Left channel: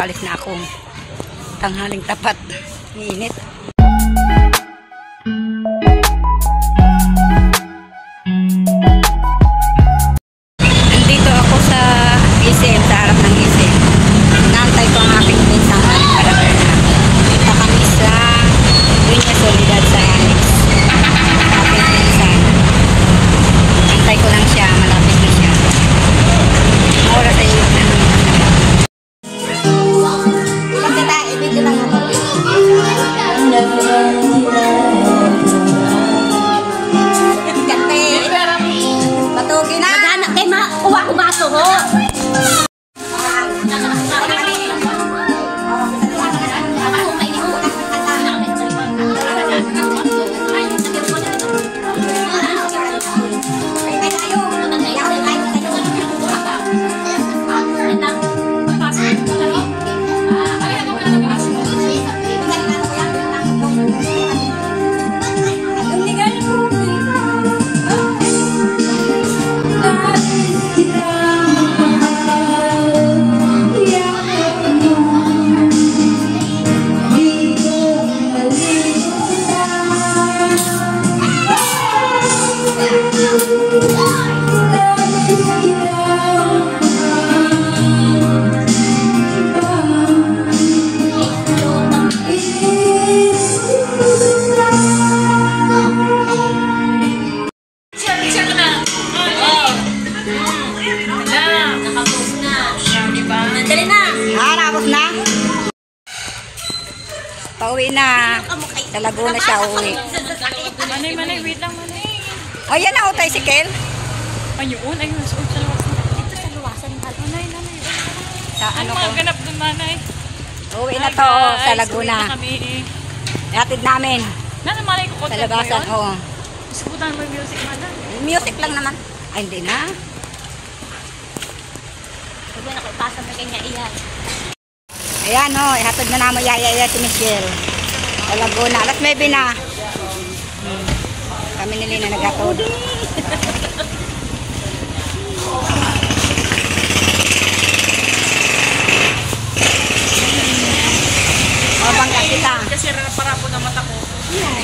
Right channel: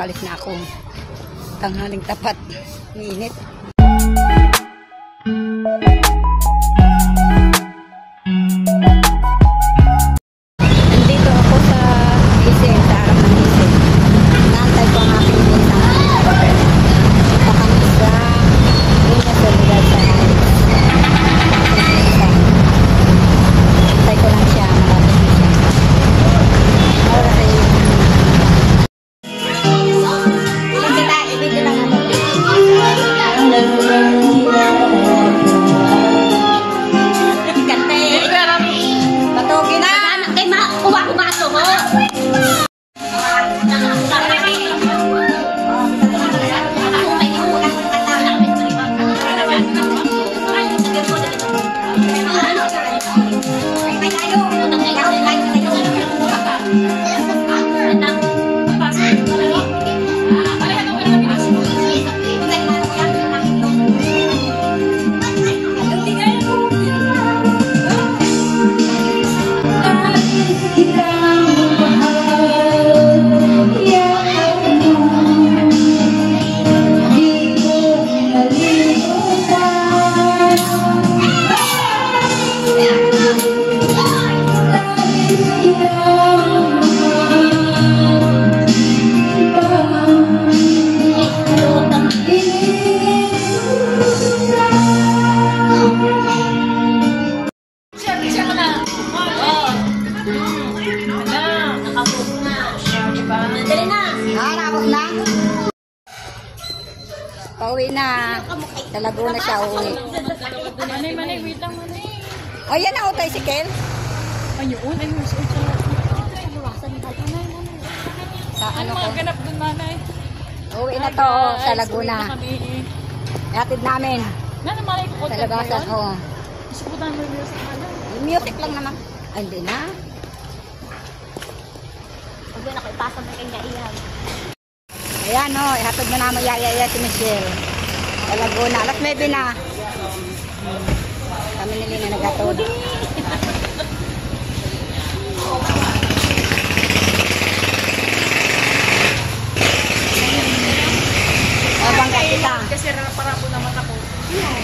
palis na ako. Tanghaling tapat. Init. Nandito ako sa SM, sa harap ng SM. Naantay ko ang aking isang dito kami sa Dunya Soledad sa Alex. Antay ko lang siya, malapit na siya. Oras ay yun na. Pauwi na. Sa Laguna siya uwi. Manay, wait lang, manay. O yan na, tricycle. Ayun, ayun. Dito sa luwasan. Nanay. Sa ano ko? Ganap dun, manay. Uwi na to sa Laguna. Hatid namin. Nanay, ko Sa labasan, oo. Gusto ko tayo mag-music pa lang. Music lang naman. Ay, hindi na. Pag wala ko ipasa mo kanya iyan. Ayan o, ihatod na naman yaya si Michelle. Sa Laguna. Alas 9 na. Kami nila na naghatod. Mabangga kita. Kasi para ako na mata ko.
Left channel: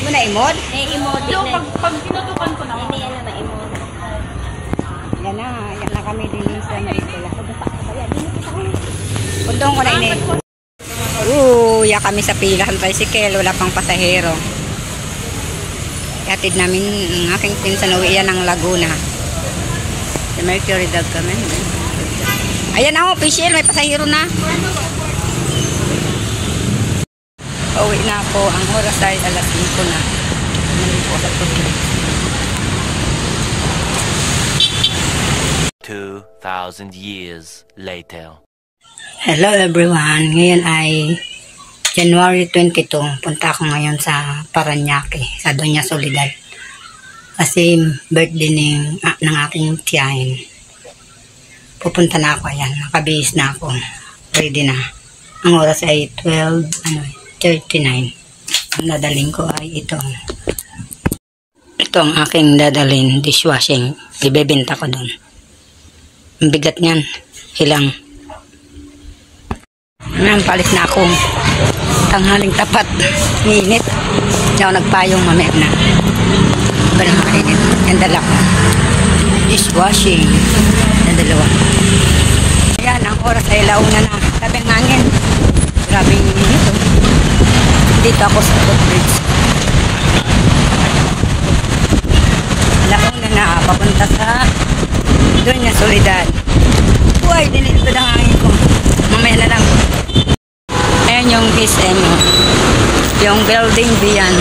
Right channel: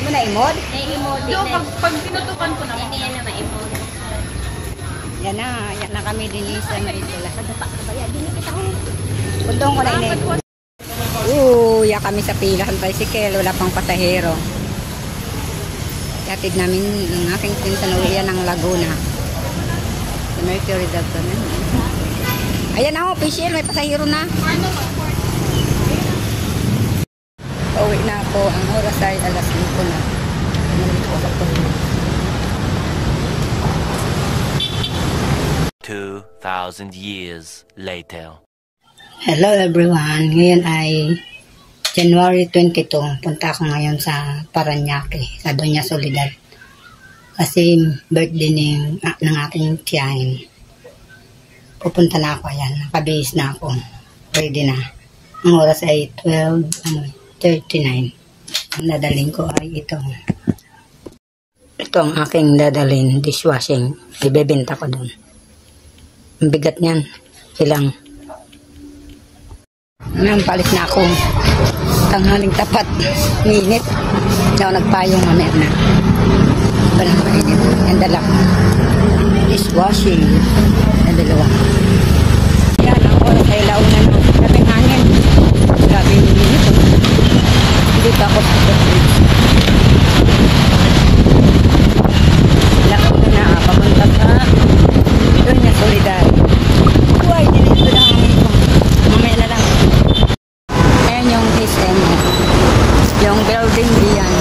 Yun na imod? Nai-emote So, na. pag tinutukan ko naman. Hindi yan na ma-emote. Yan na kami din sa Maynila. Bundong ko na ini. Ya kami sa pila ng tricycle, wala pang pasahero. Hatid namin ang aking pinsan na uwian ng Laguna. Sa Mercury daw kami. Ayan na official, may pasahero na. Uwi na ako, ang oras ay alas 5 na. Nandito ako sa puto. 2,000 years later. Hello everyone, ngayon ay January 22, punta ako ngayon sa Paranaque, sa Dunya Soledad. Kasi birthday ng aking tiyahin. Pupunta na ako, ayan, nakabihis na ako. Ready na. Ang oras ay 12:39. Ang dadaling ko ay ito. Ito ang aking dadalhin, dishwashing. Ibebenta ko doon. Ang bigat niyan, hilang. Nang palis na ako. Tanghaling tapat. Init. Hindi ako nagpayong mamaya na. Wala makainit. Yung dala ko. Dishwashing. Yung dalawa. Yan, ang oras ay launan mo. Sabi ng hangin. Grabe yung init. Dito ako sa bridge. Launan na. Papunta sa Dunya Soledad. Uy, dinito na hangin ko. Mamaya na lang. Ayan yung SM. Yung building diyan.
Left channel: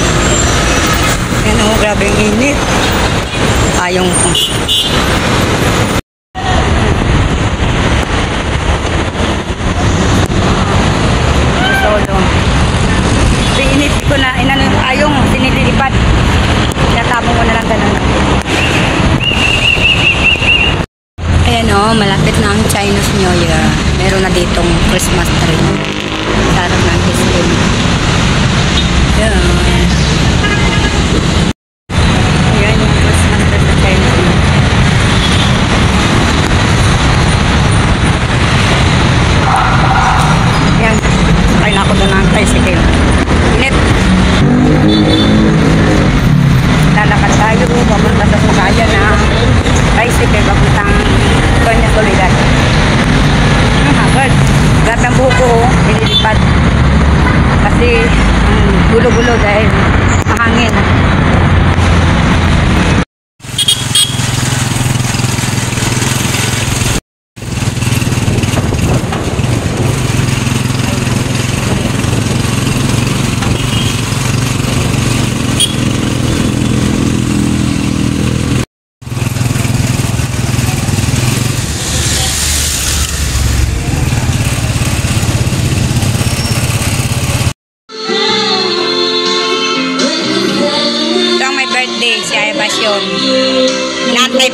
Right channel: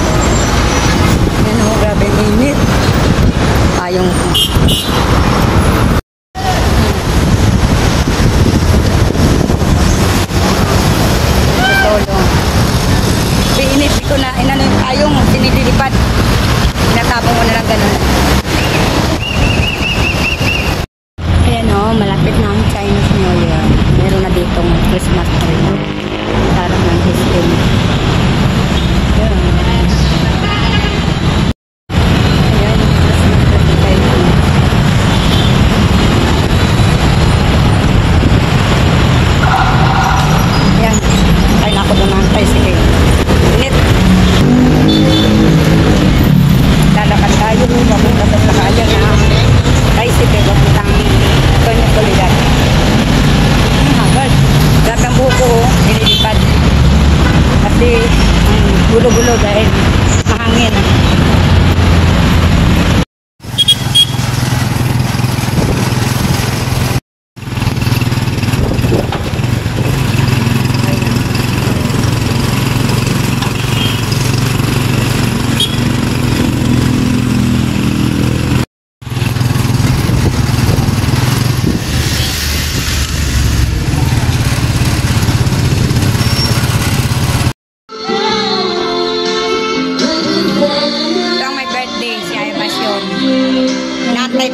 Ayan o, grabe yung init. Payong ko.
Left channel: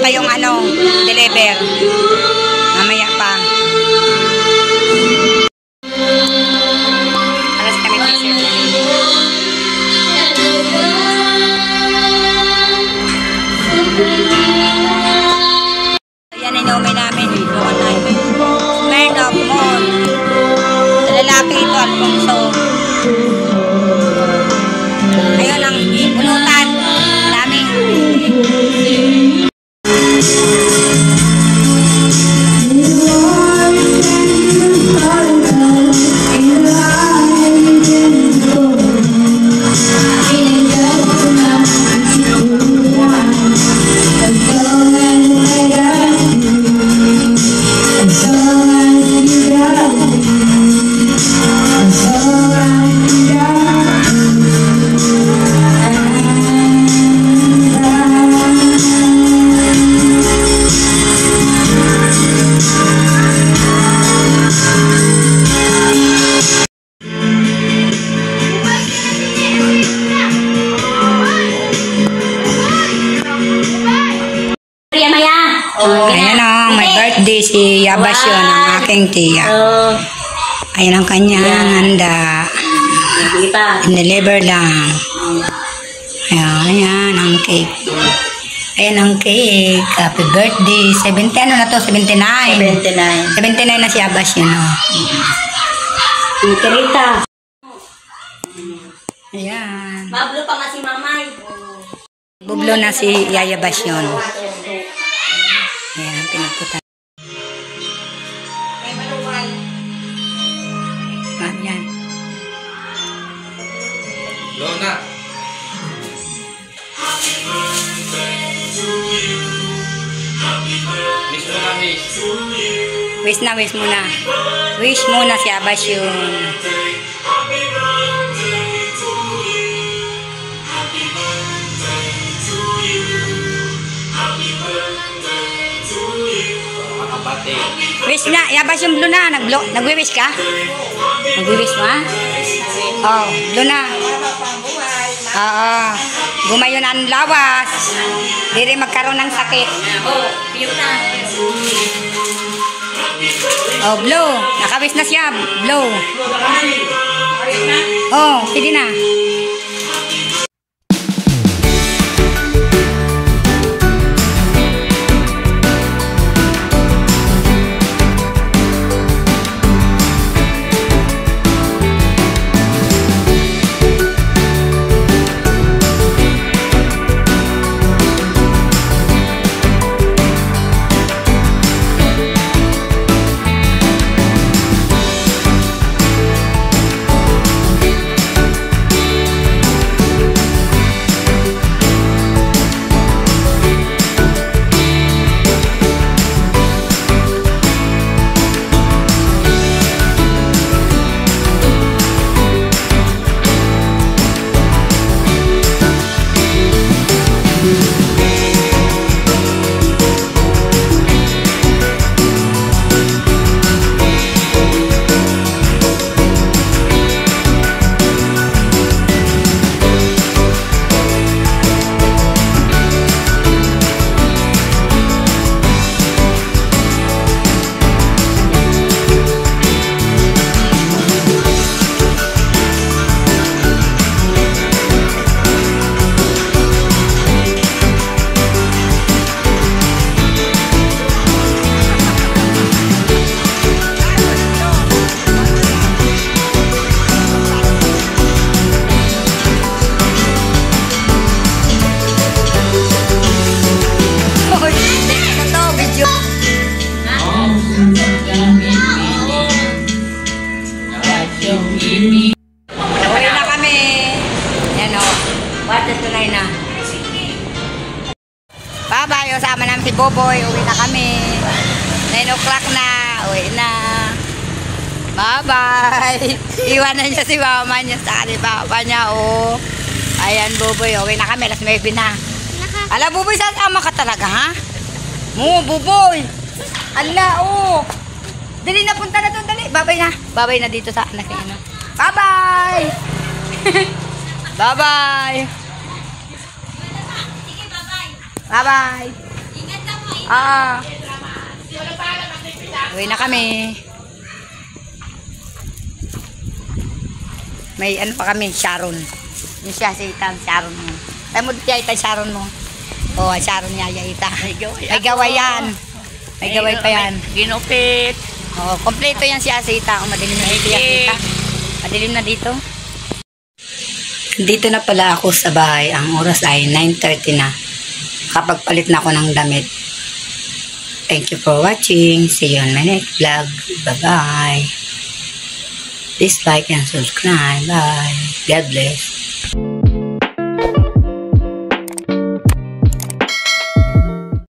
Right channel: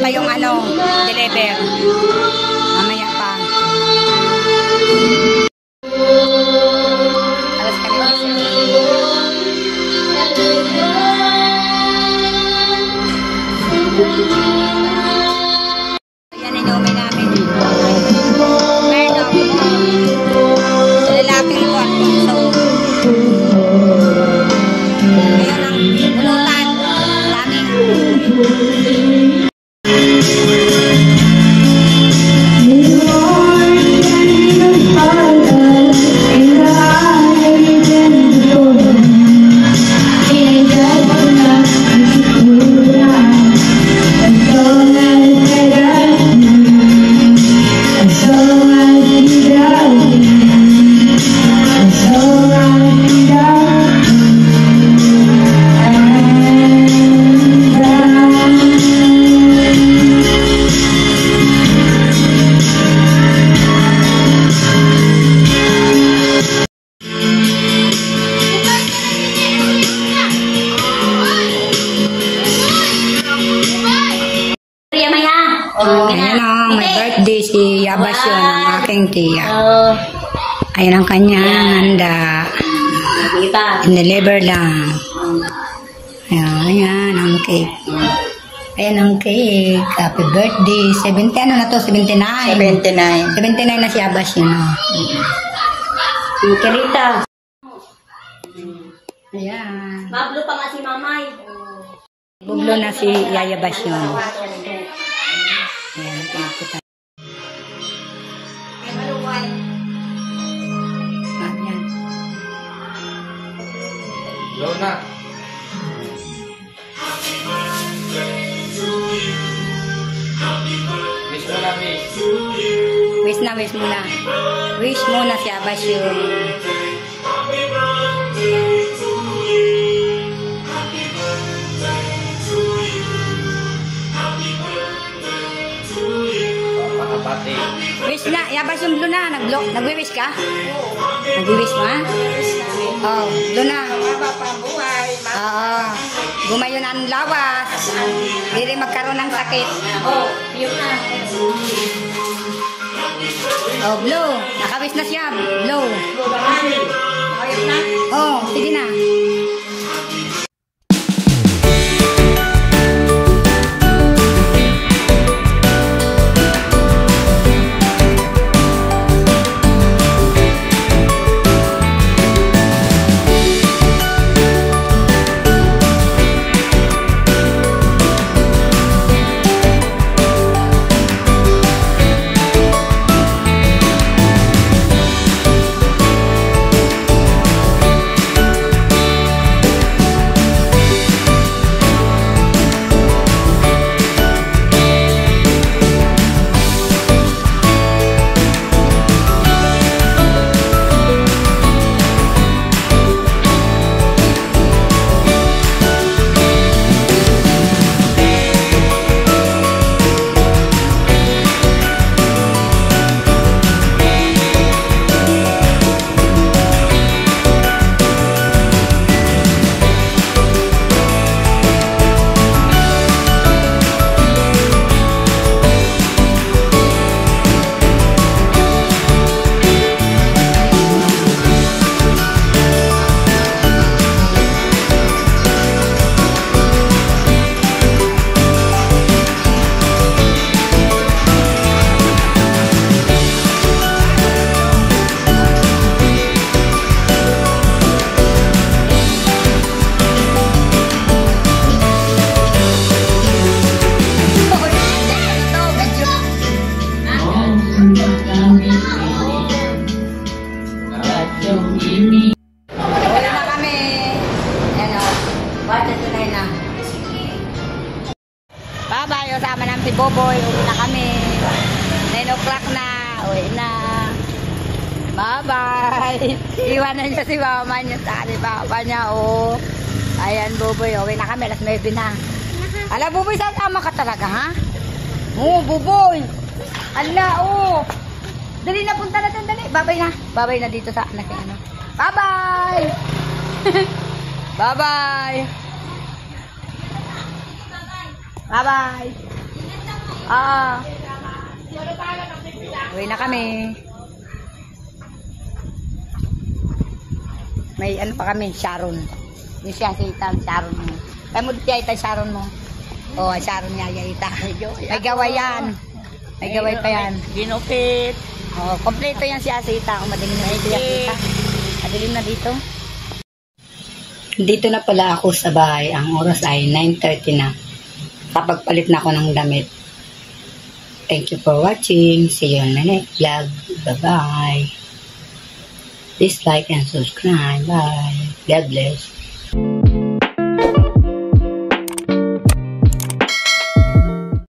pa yung ano, deliver. Mamaya pa. Alas kami yan, inumin namin. Smirnoff Malt. Sa lalaki ito, Alfonso. Ayun ang pulutan. Dami. Ayan o, may birthday si Yabasyon, ang aking tiya. Ayan ang kanyang handa. Deliver lang. Ayan ang cake. Ayan ang cake. Happy birthday. 70, ano na to? 79. 79 na si Yabasyon. Rita. Ayan. Mablo pa nga si Mamay. Bublo na si Yayabasyon. Ayan, pinakutan. Yan. Lona. Wish mo na, wish. Wish muna. Wish muna si Yabasyon. Pati. Wish na, Yabasyon blue na. Nagwi-wish ka? Nagwi-wish mo, ha? Oh, blue na. Oo. Gumayon ang lawas. Di rin magkaroon ng sakit. Oh, blue. Nakawis na siya. Blue. Oh, sige na. Bye-bye, usama namin si Boboy. Uwi na kami. 9 o'clock na. Uwi na. Bye-bye. Iwanan niya si mama niya sa papa niya. Oh. Ayan, Boboy. Uwi na kami. Alas 9 na. Ala, Boboy, sasama ka talaga, ha? Boboy. Ala, oh. Dali na, punta na doon. Dali. Bye-bye na. Bye-bye na dito sa anak niya. Bye-bye. Bye-bye. Bye-bye. Uwi na kami. May ano pa kami, Sharon. Yung siya, si Itang Sharon. Ay mo dito ita Sharon mo. Oh, Sharon niya ita. May gaway yan. May gaway pa yan. Ginupit. Oh, kompleto yan si Asita. Kung madilim na dito yan, Asita. Madilim na dito. Dito na pala ako sa bahay. Ang oras ay 9:30 na. Kapag palit na ako ng damit. Thank you for watching. See you on my next vlog. Bye-bye. Please like and subscribe. Bye. God bless.